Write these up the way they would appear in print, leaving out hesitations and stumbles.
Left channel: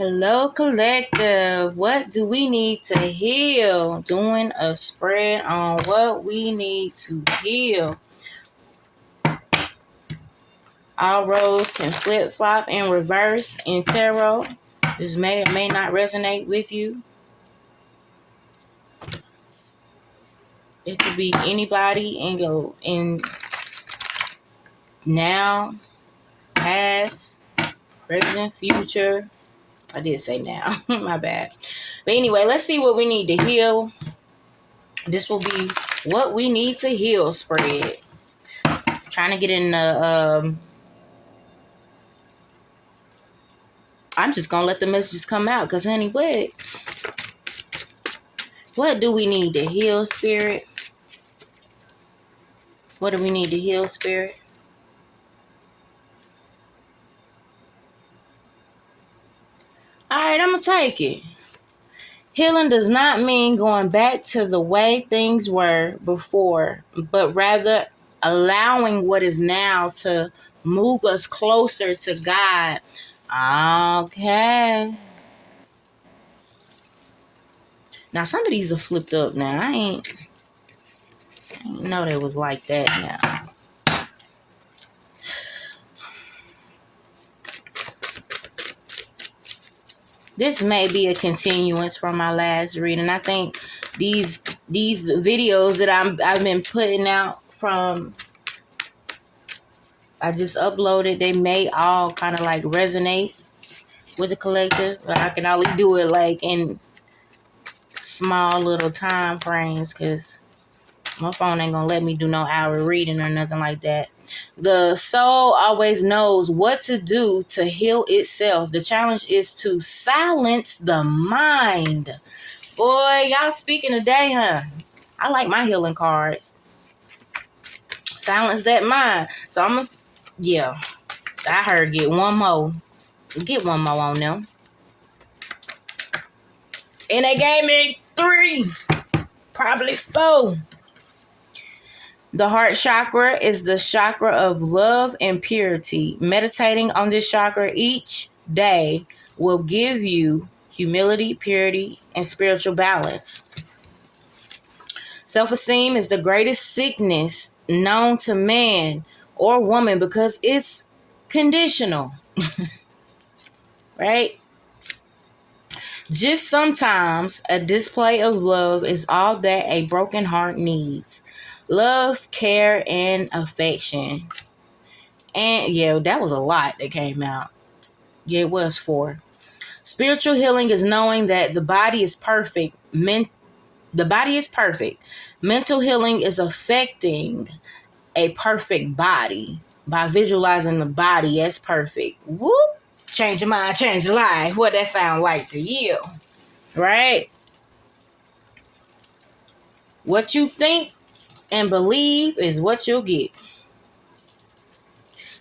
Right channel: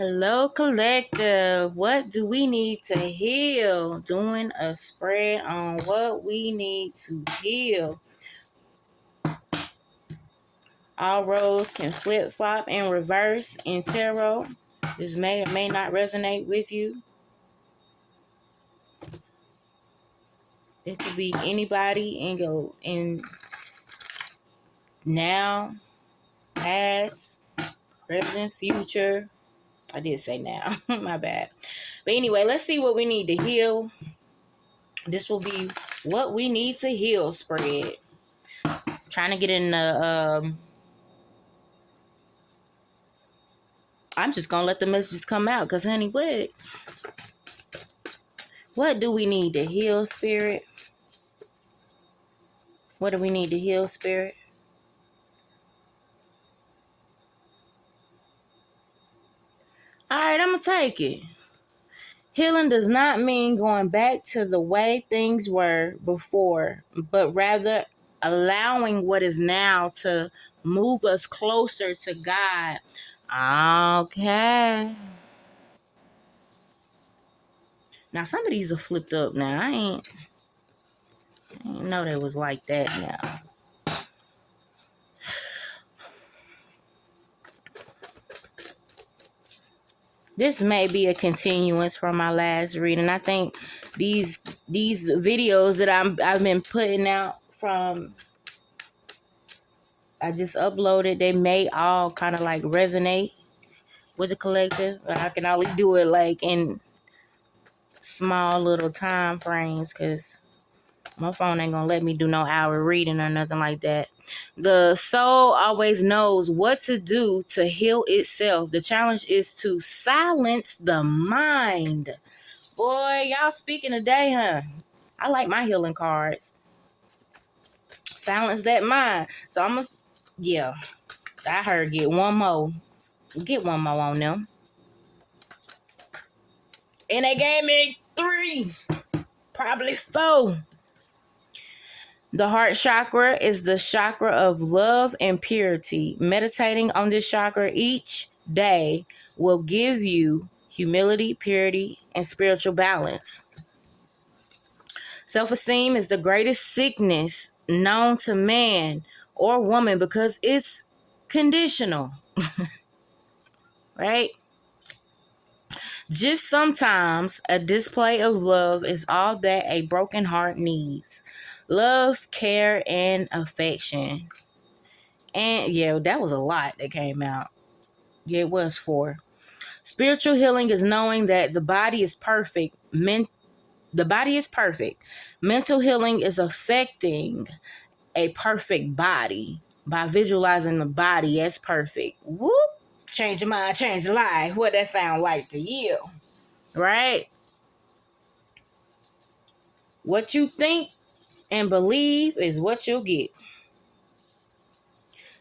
Hello, collective. What do we need to heal? Doing a spread on what we need to heal. All roles can flip flop and reverse in tarot. This may or may not resonate with you. It could be anybody in now, past, present, future. I did say now. My bad. But anyway, let's see what we need to heal. This will be what we need to heal spread. Trying to get in the I'm just gonna let the messages come out because honey, what do we need to heal, spirit? What do we need to heal, spirit? Alright, I'm gonna take it. Healing does not mean going back to the way things were before, but rather allowing what is now to move us closer to God. Okay. Now some of these are flipped up now. I ain't know they was like that now. This may be a continuance from my last reading. I think these videos that I've been putting out from I just uploaded, they may all kind of like resonate with the collective, but I can only do it like in small little time frames because my phone ain't gonna let me do no hour reading or nothing like that. The soul always knows what to do to heal itself. The challenge is to silence the mind. Boy, y'all speaking today, huh? I like my healing cards. Silence that mind. So I'm gonna, yeah, I heard get one more. Get one more on them. And they gave me 3, probably 4. The heart chakra is the chakra of love and purity. Meditating on this chakra each day will give you humility, purity, and spiritual balance. Self-esteem is the greatest sickness known to man or woman because it's conditional, right? Just sometimes a display of love is all that a broken heart needs. Love, care, and affection. And yeah, that was a lot that came out. Yeah, it was 4. Spiritual healing is knowing that the body is perfect. The body is perfect. Mental healing is affecting a perfect body by visualizing the body as perfect. Whoop! Change your mind, change your life. What that sound like to you, right? What you think and believe is what you'll get.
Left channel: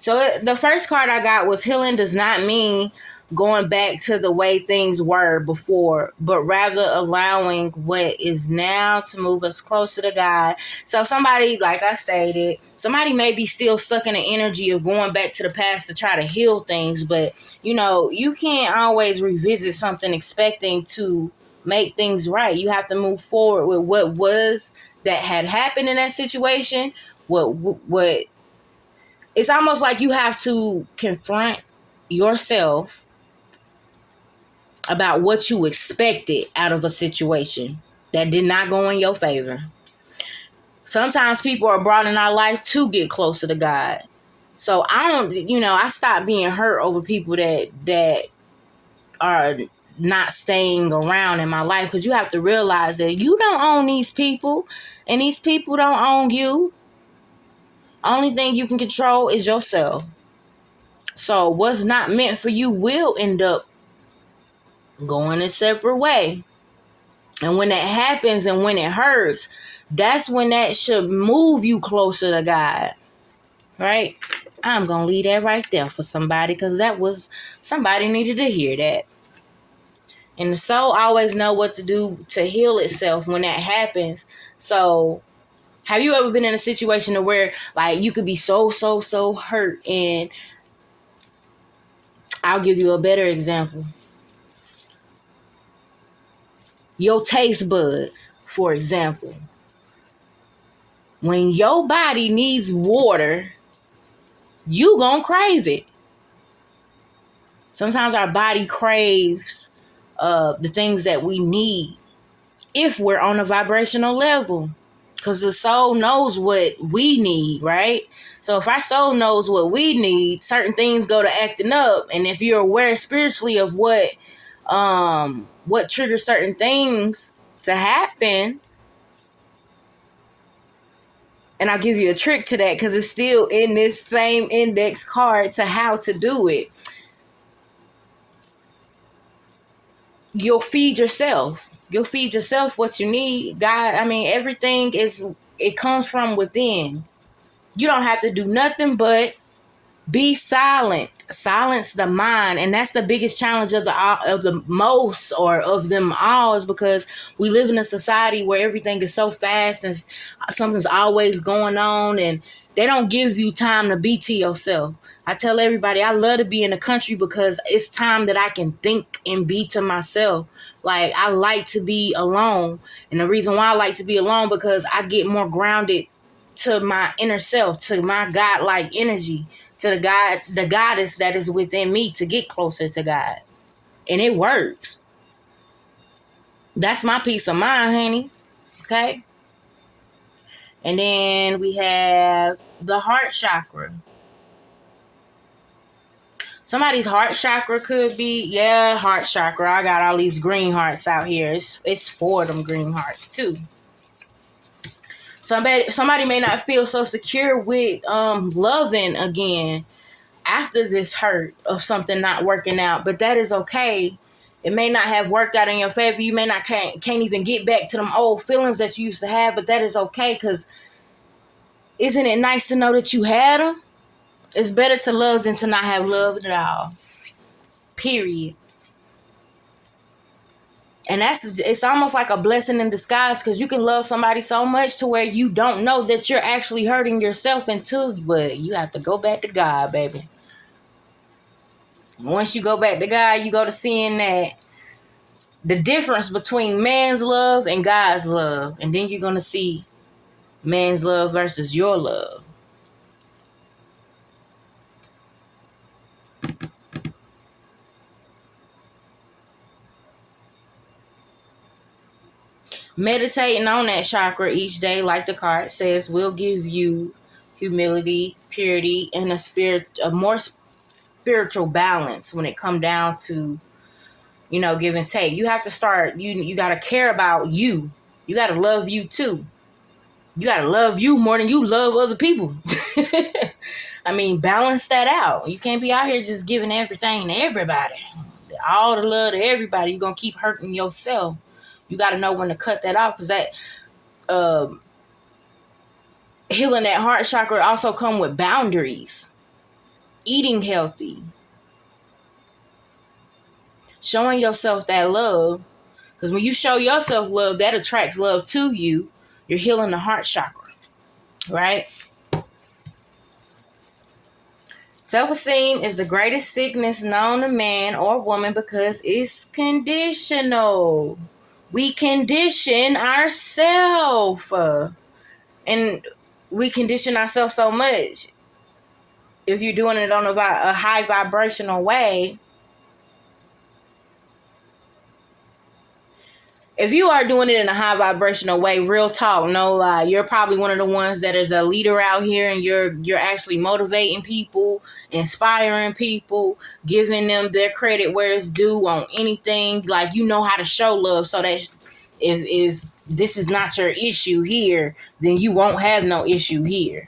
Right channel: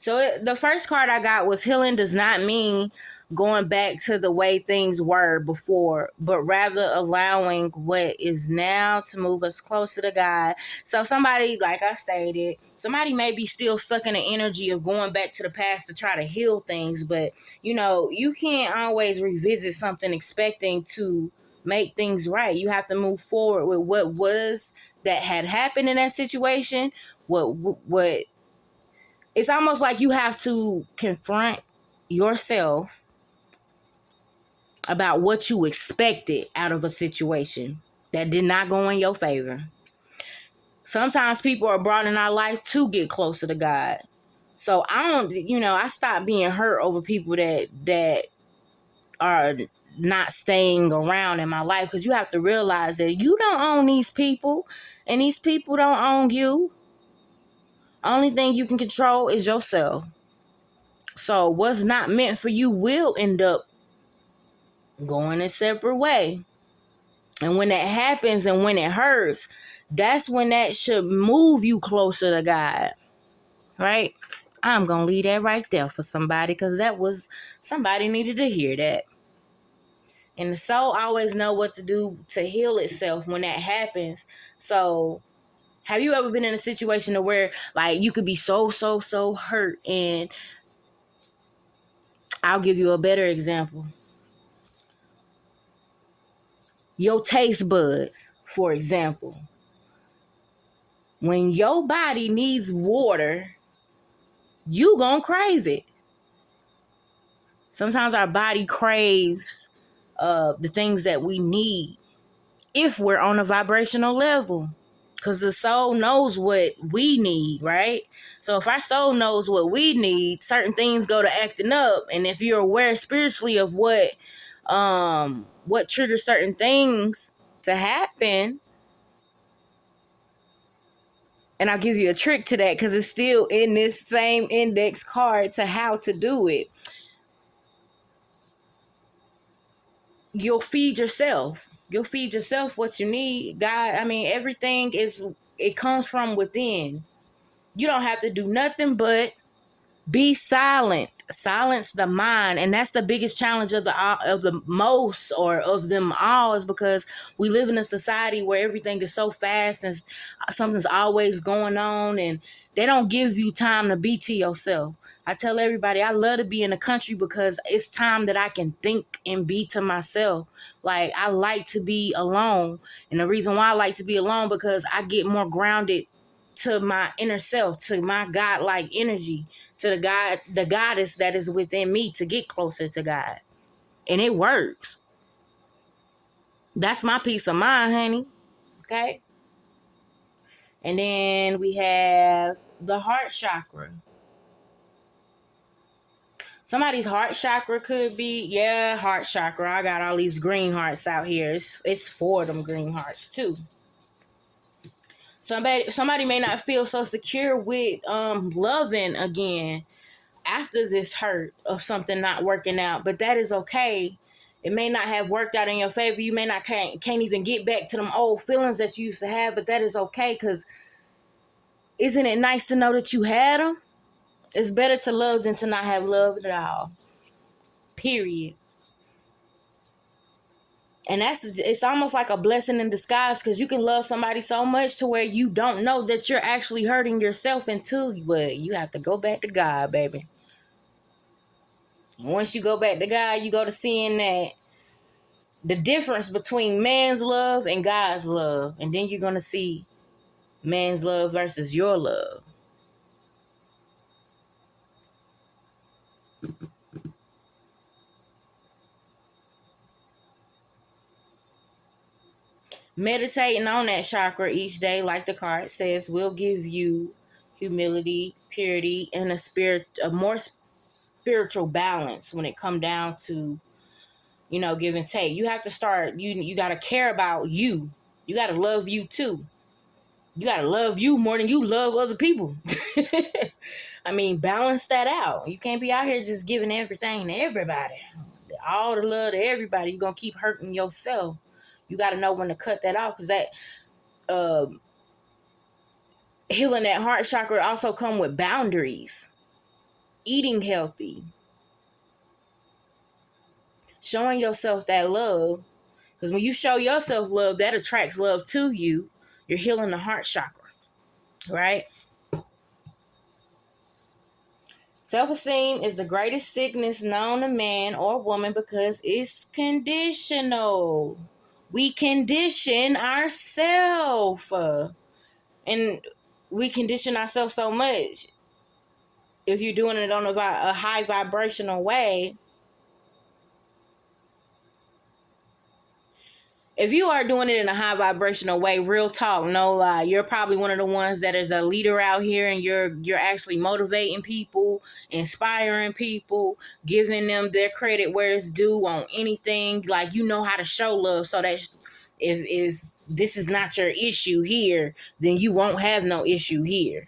So the first card I got was healing does not mean going back to the way things were before, but rather allowing what is now to move us closer to God. So somebody, like I stated, somebody may be still stuck in the energy of going back to the past to try to heal things, but you can't always revisit something expecting to make things right. You have to move forward with what was that had happened in that situation, what it's almost like you have to confront yourself about what you expected out of a situation that did not go in your favor. Sometimes people are brought in our life to get closer to God. So I stopped being hurt over people that are not staying around in my life, because you have to realize that you don't own these people and these people don't own you. Only thing you can control is yourself. So what's not meant for you will end up going a separate way. And when that happens and when it hurts, that's when that should move you closer to God. Right? I'm going to leave that right there for somebody, because somebody needed to hear that. And the soul always know what to do to heal itself when that happens. So have you ever been in a situation where like you could be so hurt? And I'll give you a better example. Your taste buds, for example. When your body needs water, you gonna crave it. Sometimes our body craves the things that we need if we're on a vibrational level. Because the soul knows what we need, right? So if our soul knows what we need, certain things go to acting up. And if you're aware spiritually of what triggers certain things to happen, and I'll give you a trick to that because it's still in this same index card to how to do it. You'll feed yourself. You'll feed yourself what you need. God, I mean, it comes from within. You don't have to do nothing but be silent. Silence the mind. And that's the biggest challenge of the most, or of them all, is because we live in a society where everything is so fast and something's always going on, and they don't give you time to be to yourself. I tell everybody I love to be in the country because it's time that I can think and be to myself. Like, I like to be alone. And the reason why I like to be alone, because I get more grounded to my inner self, to my God-like energy, to the goddess that is within me, to get closer to God. And it works. That's my peace of mind, honey. Okay? And then we have the heart chakra. Somebody's heart chakra could be, heart chakra. I got all these green hearts out here. It's 4 of them green hearts too. Somebody may not feel so secure with loving again after this hurt of something not working out, but that is okay. It may not have worked out in your favor. You may not can't even get back to them old feelings that you used to have, but that is okay, because isn't it nice to know that you had them? It's better to love than to not have loved at all. Period. And it's almost like a blessing in disguise, because you can love somebody so much to where you don't know that you're actually hurting yourself but you have to go back to God, baby. And once you go back to God, you go to seeing that the difference between man's love and God's love. And then you're going to see man's love versus your love. Meditating on that chakra each day, like the card says, will give you humility, purity, and a more spiritual balance when it come down to, give and take. You have to start, you got to care about you. You got to love you too. You got to love you more than you love other people. I mean, balance that out. You can't be out here just giving everything to everybody. All the love to everybody. You're going to keep hurting yourself. You got to know when to cut that off, because that healing that heart chakra also come with boundaries. Eating healthy. Showing yourself that love. Because when you show yourself love, that attracts love to you. You're healing the heart chakra. Right? Self-esteem is the greatest sickness known to man or woman because it's conditional. We condition ourselves. And we condition ourselves so much. If you're doing it on a high vibrational way, if you are doing it in a high vibrational way, real talk, no lie, you're probably one of the ones that is a leader out here, and you're actually motivating people, inspiring people, giving them their credit where it's due on anything. Like, you know how to show love, so that if this is not your issue here, then you won't have no issue here.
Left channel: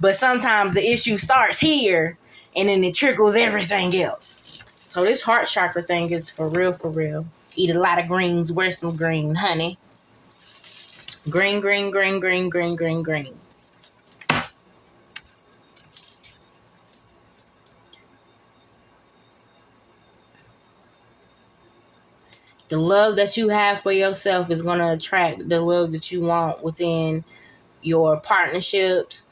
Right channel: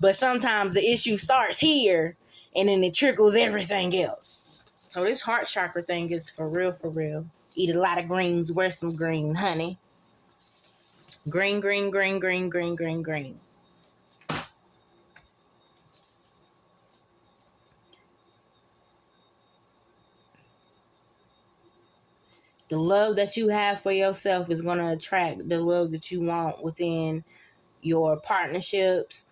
But sometimes the issue starts here, and then it trickles everything else. So this heart chakra thing is for real, for real. Eat a lot of greens, wear some green, honey. Green, green, green, green, green, green, green. The love that you have for yourself is going to attract the love that you want within your partnerships,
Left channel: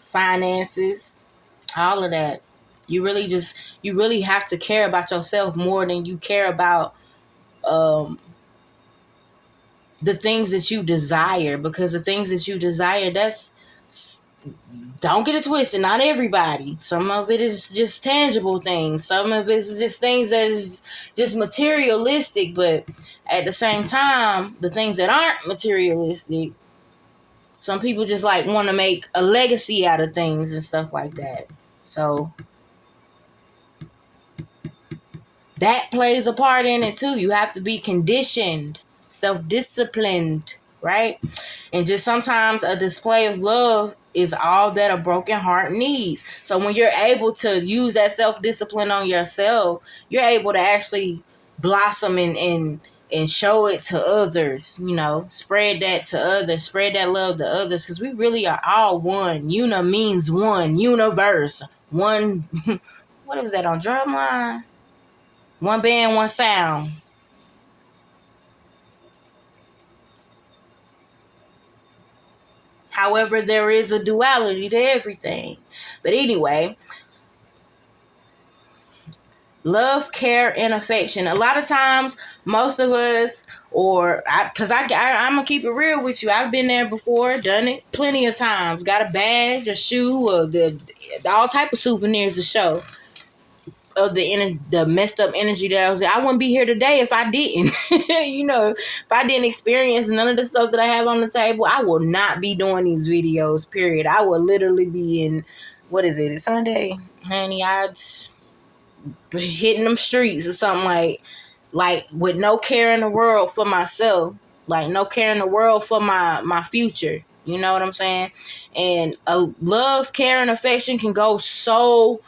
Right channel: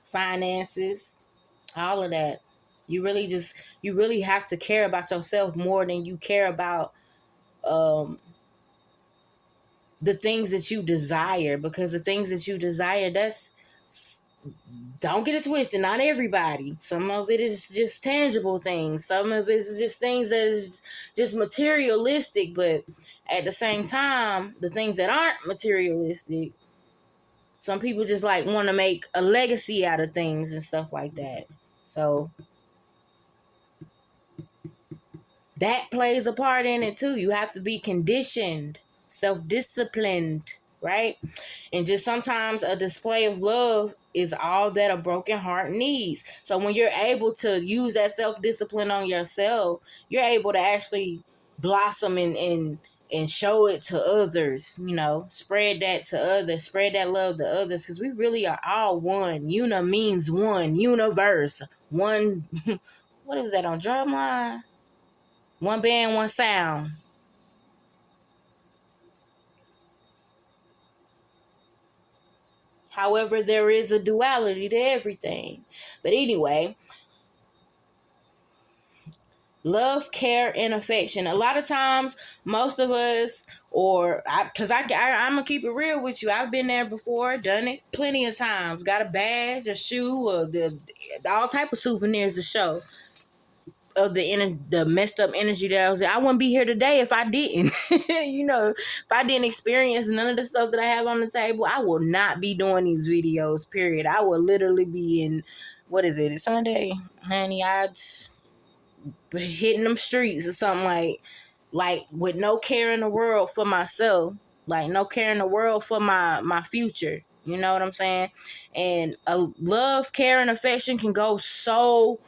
finances, all of that. You really have to care about yourself more than you care about the things that you desire, because the things that you desire, don't get it twisted, not everybody. Some of it is just tangible things. Some of it is just things that is just materialistic, but at the same time, the things that aren't materialistic, some people just like want to make a legacy out of things and stuff like that. So that plays a part in it too. You have to be conditioned, self-disciplined, right? And just sometimes a display of love is all that a broken heart needs. So when you're able to use that self-discipline on yourself, you're able to actually blossom and show it to others, spread that to others, spread that love to others, because we really are all one. Una means one, universe, one. What was that on Drumline? One band, one sound. However, there is a duality to everything. But anyway, love, care, and affection. A lot of times, most of us, because I'm going to keep it real with you. I've been there before, done it plenty of times. Got a badge, a shoe, or all type of souvenirs to show of the messed up energy that I wouldn't be here today if I didn't. If I didn't experience none of the stuff that I have on the table, I will not be doing these videos, period. I will literally be in, what is it, it's Sunday? Honey, I just hitting them streets or something, like with no care in the world for myself, like no care in the world for my future. You know what I'm saying? And love, care, and affection can go so,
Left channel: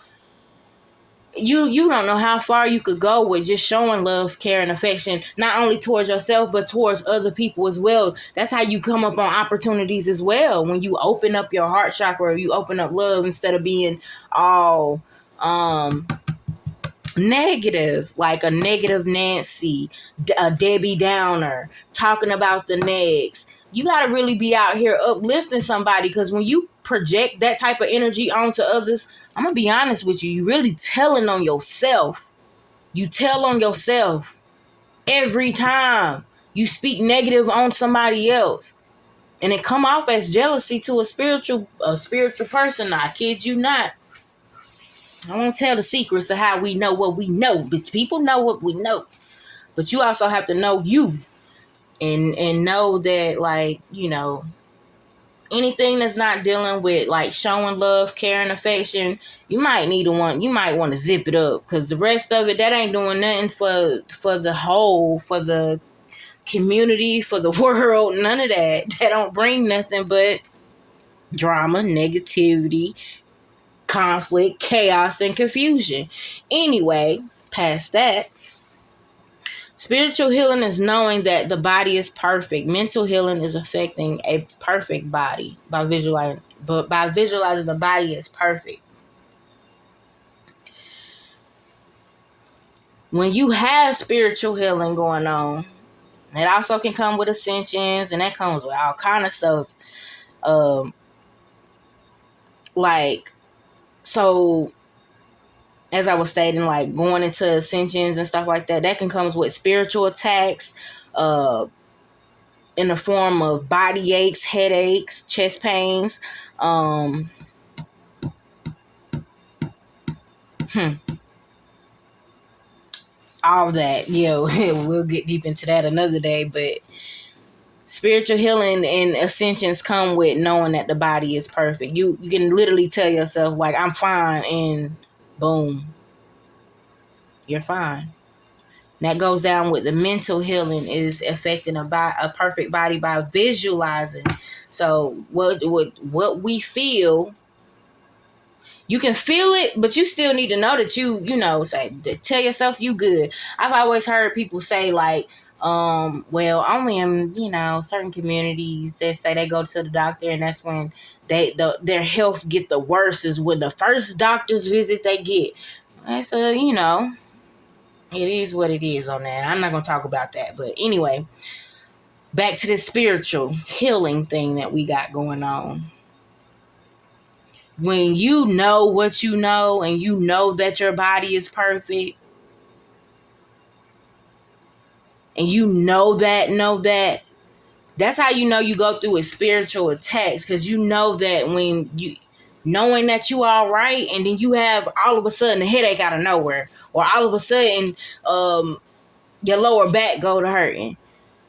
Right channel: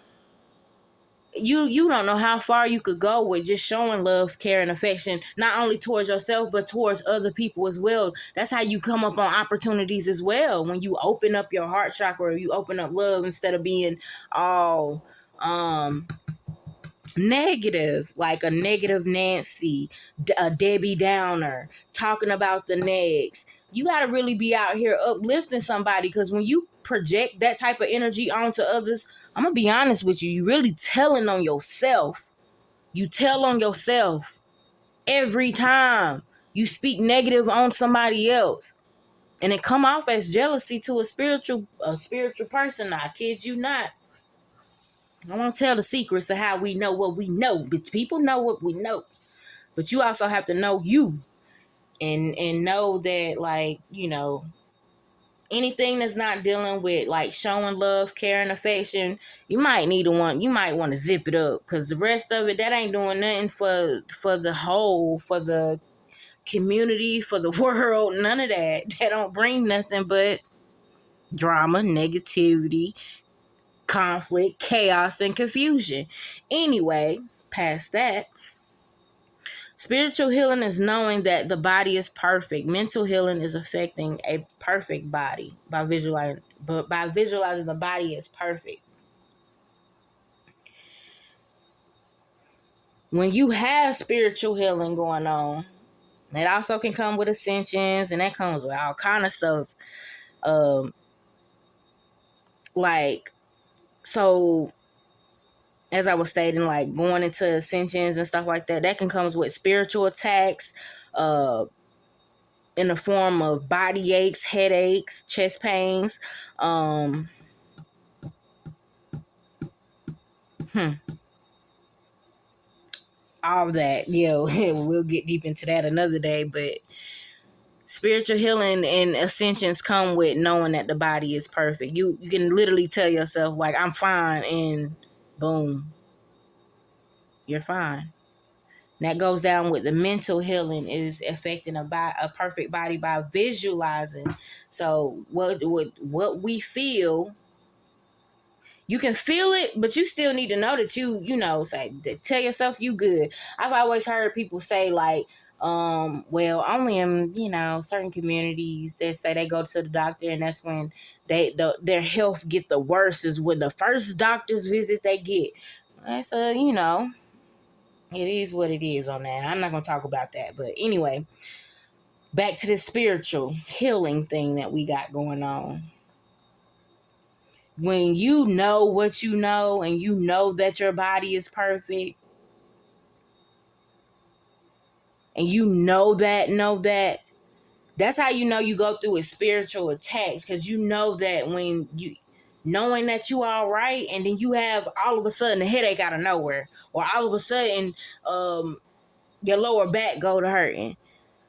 you don't know how far you could go with just showing love, care, and affection, not only towards yourself, but towards other people as well. That's how you come up on opportunities as well. When you open up your heart chakra, or you open up love instead of being all negative, like a negative Nancy, a Debbie Downer, talking about the negs. You got to really be out here uplifting somebody, because when you project that type of energy onto others, I'm going to be honest with you, you really telling on yourself. You tell on yourself every time you speak negative on somebody else. And it come off as jealousy to a spiritual person. I kid you not. I won't tell the secrets of how we know what we know, but people know what we know. But you also have to know you, and know that, like, anything that's not dealing with like showing love, care, and affection, you might want to zip it up, because the rest of it, that ain't doing nothing for the whole, for the community, for the world. None of that. That don't bring nothing but drama, negativity, conflict, chaos, and confusion. Anyway, past that, spiritual healing is knowing that the body is perfect. Mental healing is affecting a perfect body by visualizing the body is perfect. When you have spiritual healing going on, it also can come with ascensions, and that comes with all kind of stuff. Like, so as I was stating, like going into ascensions and stuff like that, that can come with spiritual attacks, in the form of body aches, headaches, chest pains, all that. We'll get deep into that another day, but spiritual healing and ascensions come with knowing that the body is perfect. You can literally tell yourself, like, I'm fine, and boom, you're fine. That goes down with the mental healing, is affecting a perfect body by visualizing. So what we feel, you can feel it, but you still need to know that say, tell yourself you good. I've always heard people say, like, well, only in, certain communities that say they go to the doctor, and that's when their health get the worst, is when the first doctor's visit they get. And so, it is what it is on that. I'm not going to talk about that. But anyway, back to this spiritual healing thing that we got going on. when you know what you know and you know that your body is perfect and you know that, that's how you know you go through a spiritual attacks, because you know that when you knowing that you all right, and then you have all of a sudden a headache out of nowhere, or all of a sudden your lower back go to hurting.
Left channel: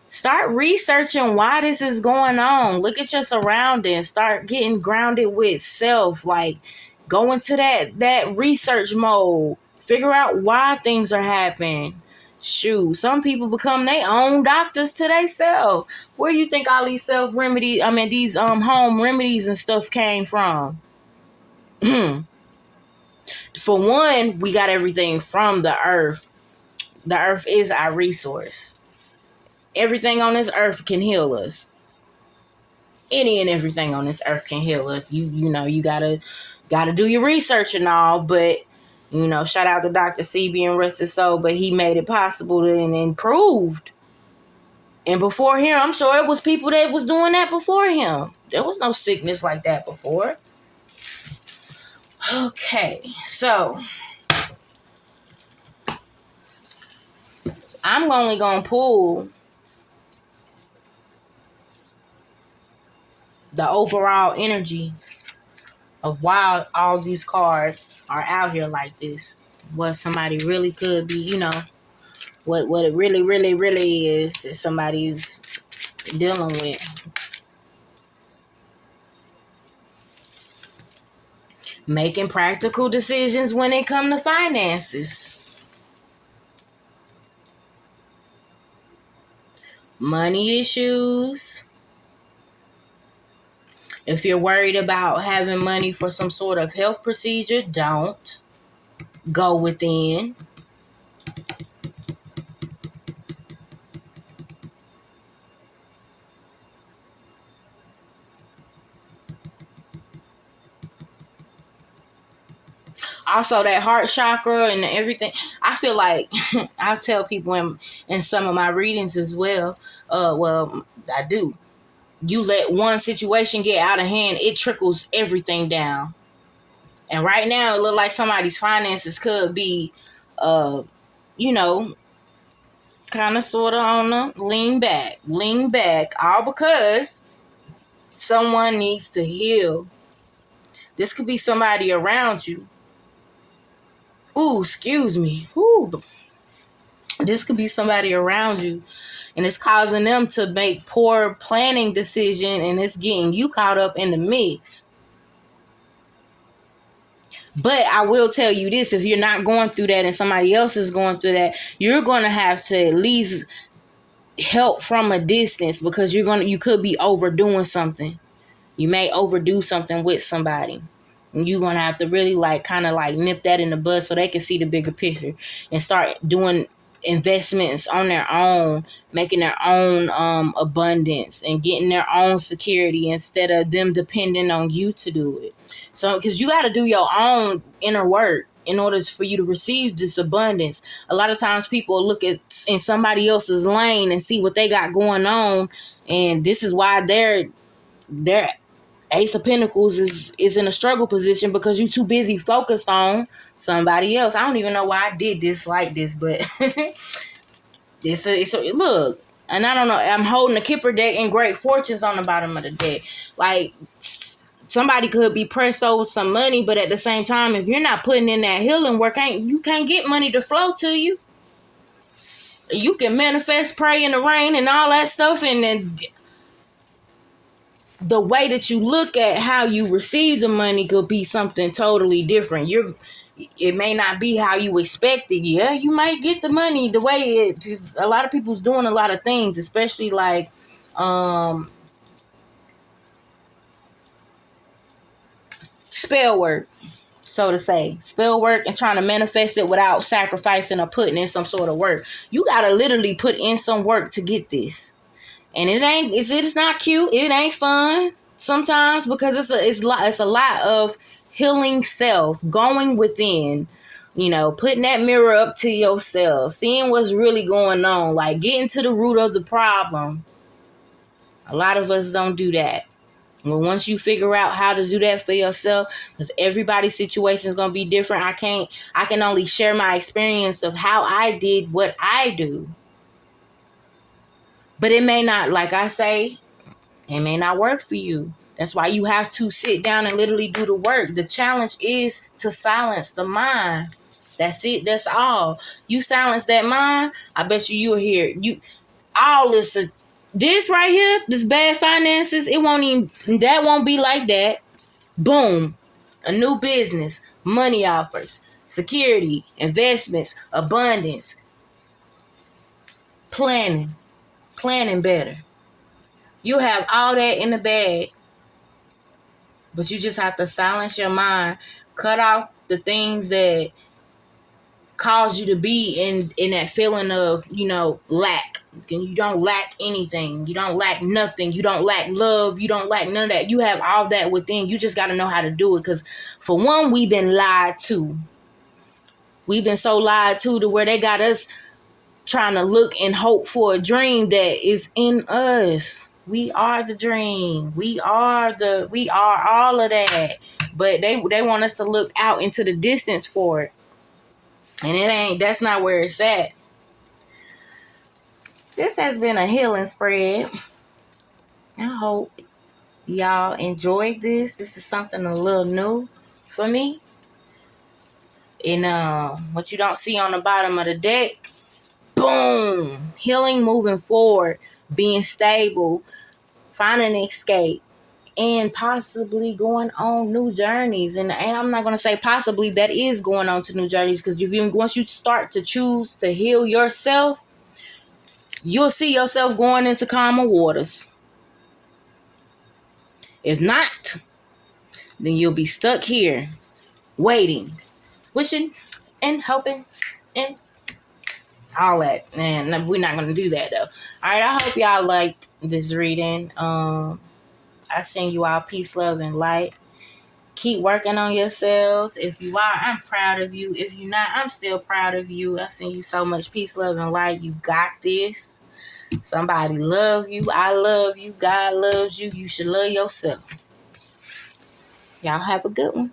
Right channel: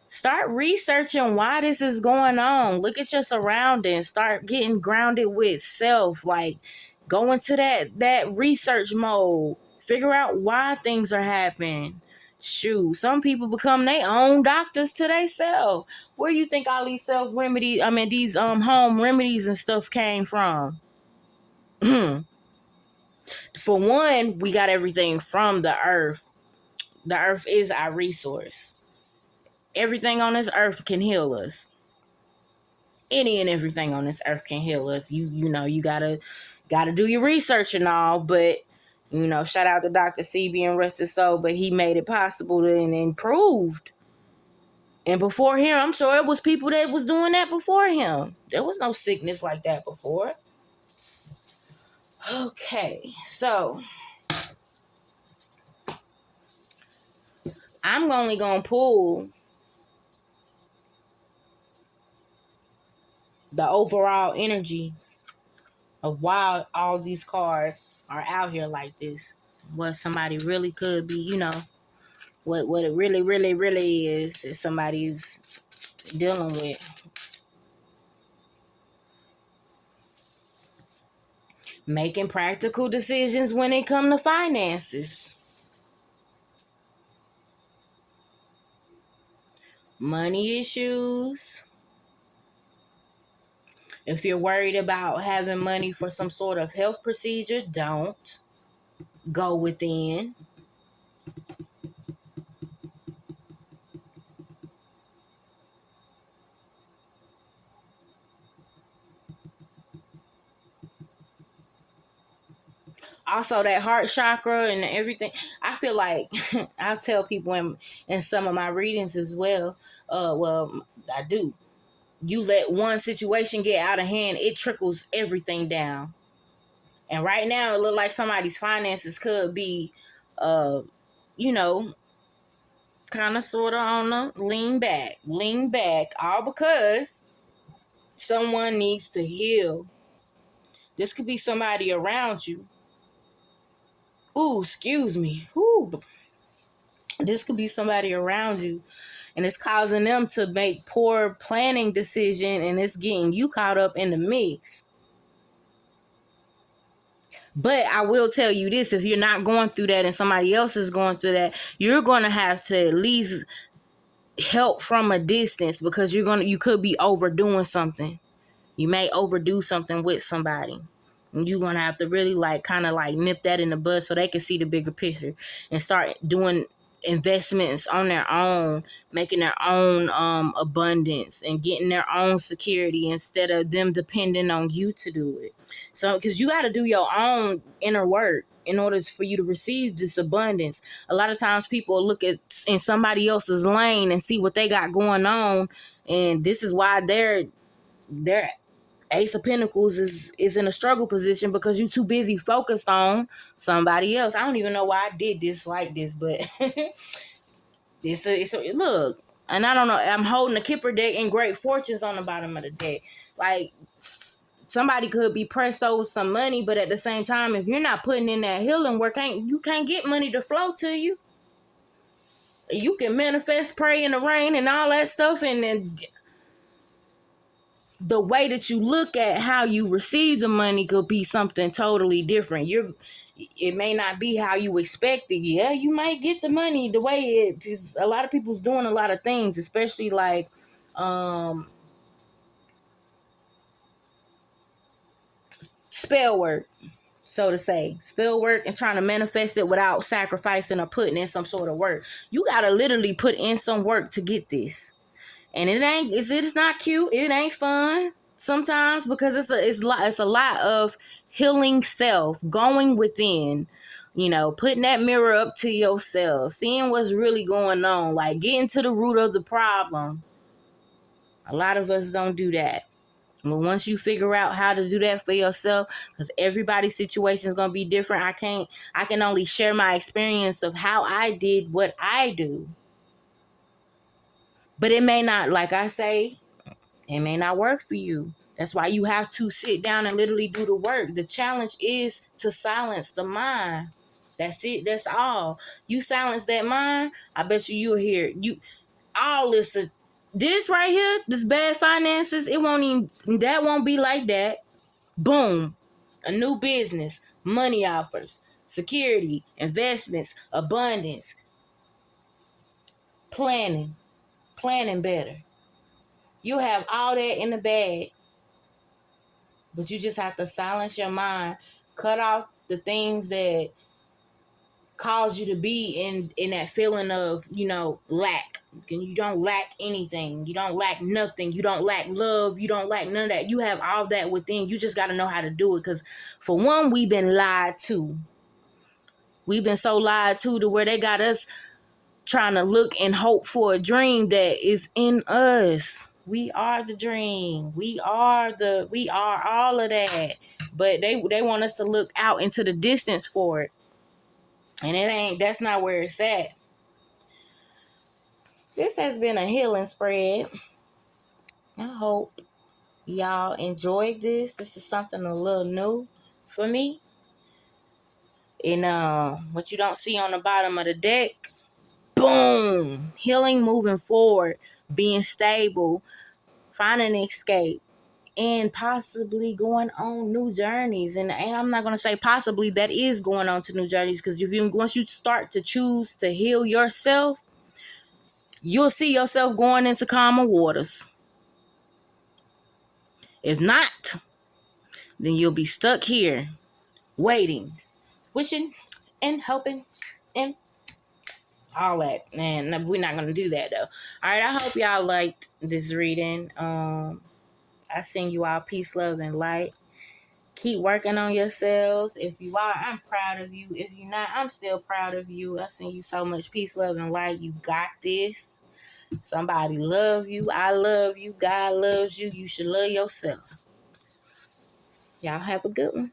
Start researching why this is going on. Look at your surroundings. Start getting grounded with self. Like, go into that research mode. Figure out why things are happening. Shoot, some people become their own doctors to themselves. Where do you think all these self remedies, these home remedies and stuff came from? For one, we got everything from the earth. The earth is our resource. Everything on this earth can heal us. Any and everything on this earth can heal us. You know, you gotta do your research and all, but shout out to Dr. CB and rest his soul, but he made it possible and improved. And before him, I'm sure it was people that was doing that before him. There was no sickness like that before. Okay, so I'm only gonna pull the overall energy of why all these cards are out here like this. What somebody really could be, what it really, really, really is somebody's dealing with. Making practical decisions when it comes to finances. Money issues. If you're worried about having money for some sort of health procedure, don't. Go within. Also, that heart chakra and everything. I feel like I tell people in some of my readings as well. Well, I do. You let one situation get out of hand, it trickles everything down. And right now, it look like somebody's finances could be, you know, kind of sort of on the lean back, all because someone needs to heal. This could be somebody around you. Ooh, excuse me. Ooh, this could be somebody around you, and it's causing them to make poor planning decision, and it's getting you caught up in the mix. But I will tell you this, if you're not going through that and somebody else is going through that, you're going to have to at least help from a distance, because you could be overdoing something. You may overdo something with somebody. And you're going to have to really kind of nip that in the bud so they can see the bigger picture and start doing investments on their own, making their own abundance and getting their own security instead of them depending on you to do it. So, because you got to do your own inner work in order for you to receive this abundance. A lot of times people look at in somebody else's lane and see what they got going on, and this is why they're Ace of Pentacles is in a struggle position, because you too busy focused on somebody else. I don't even know why I did this like this, but it's a look. And I don't know. I'm holding the Kipper deck and Great Fortunes on the bottom of the deck. Like, somebody could be pressed over some money, but at the same time, if you're not putting in that healing work, you can't get money to flow to you. You can manifest, pray in the rain, and all that stuff, and then the way that you look at how you receive the money could be something totally different. It may not be how you expected. Yeah, you might get the money the way it is. A lot of people's doing a lot of things, especially spell work, so to say. Spell work and trying to manifest it without sacrificing or putting in some sort of work. You gotta literally put in some work to get this. And it's not cute. It ain't fun sometimes, because it's a lot of healing self, going within, putting that mirror up to yourself, seeing what's really going on, like getting to the root of the problem. A lot of us don't do that. Well, once you figure out how to do that for yourself, because everybody's situation is gonna be different. I can only share my experience of how I did what I do. But it may not, like I say, it may not work for you. That's why you have to sit down and literally do the work. The challenge is to silence the mind. That's it. That's all. You silence that mind, I bet you'll hear all this right here, this bad finances, that won't be like that. Boom. A new business, money offers, security, investments, abundance, planning better. You have all that in the bag, but you just have to silence your mind, cut off the things that cause you to be in that feeling of, lack. And you don't lack anything. You don't lack nothing. You don't lack love. You don't lack none of that. You have all that within. You just got to know how to do it. Because for one, we've been lied to. We've been so lied to where they got us trying to look and hope for a dream that is in us. We are the dream. We are all of that. But they want us to look out into the distance for it. And that's not where it's at. This has been a healing spread. I hope y'all enjoyed this. This is something a little new for me. And what you don't see on the bottom of the deck, boom, healing, moving forward, being stable, finding an escape, and possibly going on new journeys. And I'm not going to say possibly, that is going on to new journeys, because once you start to choose to heal yourself, you'll see yourself going into calmer waters. If not, then you'll be stuck here waiting, wishing and hoping and all that. And we're not going to do that, though. All right, I hope y'all liked this reading. I send you all peace, love, and light. Keep working on yourselves. If you are, I'm proud of you. If you're not, I'm still proud of you. I send you so much peace, love, and light. You got this. Somebody love you. I love you. God loves you. You should love yourself. Y'all have a good one.